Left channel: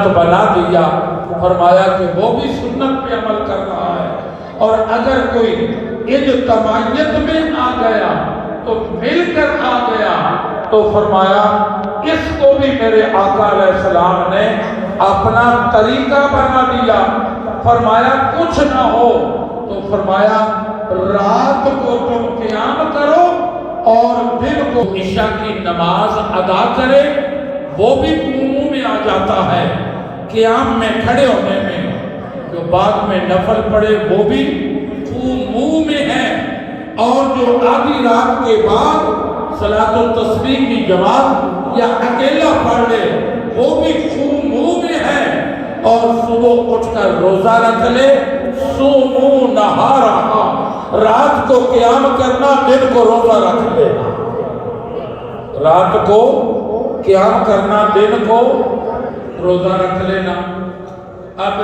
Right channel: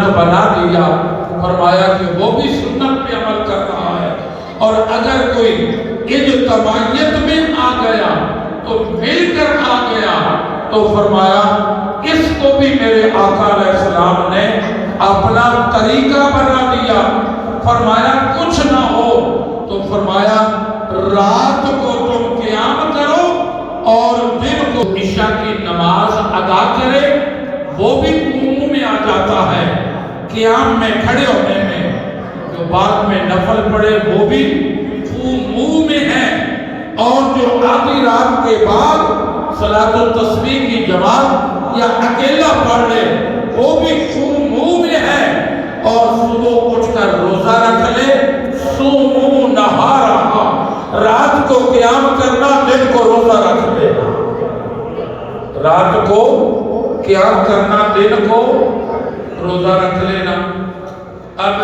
سنت بنا دیا، فرمایا کہ وہ بھی سنت پہ عمل کر رہا ہے، اور اگر کوئی اجتماعیت میں آ گیا تو مل کر آ گیا تو فرمایا اس کو بھی میرے آقا علیہ السلام نے اپنا طریقہ بنا لیا۔ فرمایا کچھ نہ ہو تو فرمایا رات کو تم قیام کرو اور دن کو عشاء کی نماز ادا کرے، وہ بھی عموم میں آ جاتا ہے۔ قیام میں کھڑے ہونے میں جو بعد میں نفل پڑے وہ بھی عموم میں ہے، اور جو آدھی رات کے بعد صلاۃ التسبیح کی جماعت یا اکیلا پڑھ لے وہ بھی عموم میں ہے، اور صبح اٹھ کر روزہ رکھ لے، صوموا نہارا، رات کو قیام کرنا، دن کو روزہ رکھ لینا، رات کو قیام کرنا، دن کو روزہ رکھ لینا۔ اب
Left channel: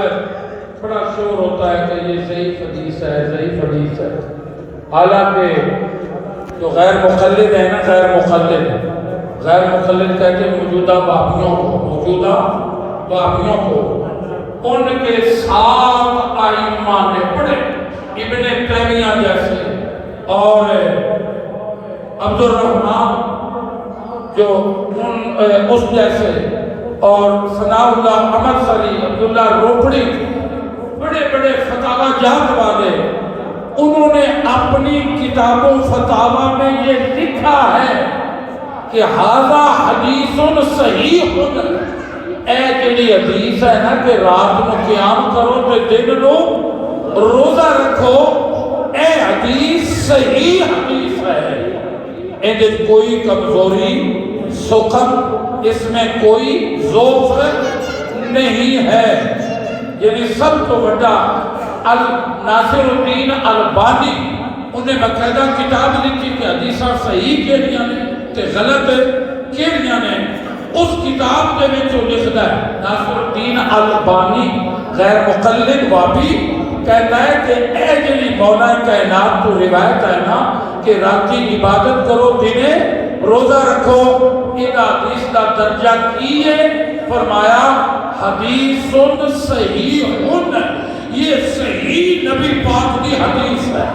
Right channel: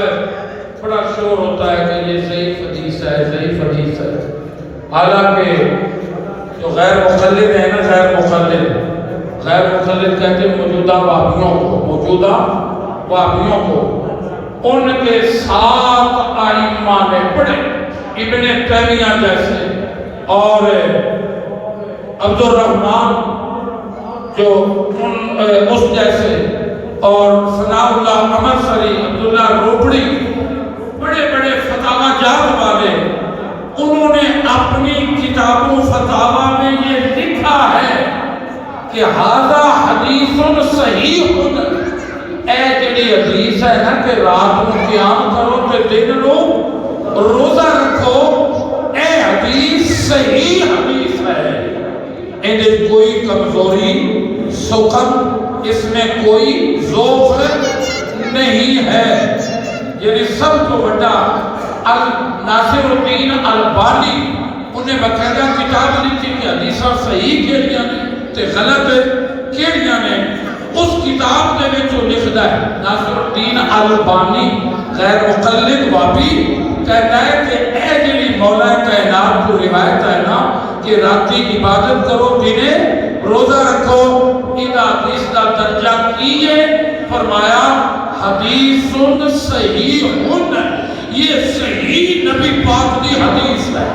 بڑا شور ہوتا ہے کہ یہ ضعیف حدیث ہے، ضعیف حدیث ہے، حالانکہ جو غیر مقلد ہے نا، غیر مقلد کہتے ہیں موجودہ وہابیوں کو، ان کے ساتھ ائمہ نے پڑھے، ابن تیمیہ جیسے اور عبد الرحمن جو اس جیسے، اور ثناء اللہ احمد سری، عبداللہ روپڑی، بڑے بڑے فتاوی جات والے، انہوں نے اپنی کتابوں فتاوی میں یہ لکھا ہے کہ ھذا حدیث صحیح، اے جڑی حدیث ہے نا کہ رات کو قیام کرو کہ دن کو روزہ رکھو، اے حدیث صحیح حدیث ہے، ان کوئی کمزوری سخن، اس میں کوئی ذوق نہیں ہے۔ یعنی سب کو بڑا ناصر الدین البانی انہیں باقاعدہ کتاب لکھی کہ حدیثاں صحیح کہڑیاں نے تے غلط کہڑیاں نے، اس کتاب دے وچ وہ لکھدا ہے ناصر الدین البانی غیر مقلد وہابی کہتا ہے کہ اے جڑی مولا کائنات تو روایت ہے نا کہ راتی عبادت کرو دنے روزہ رکھو، ادا حدیث کا درجہ کیے، فرمایا حدیث صحیح، یہ صحیح نبی پاک کی حدیث ہے۔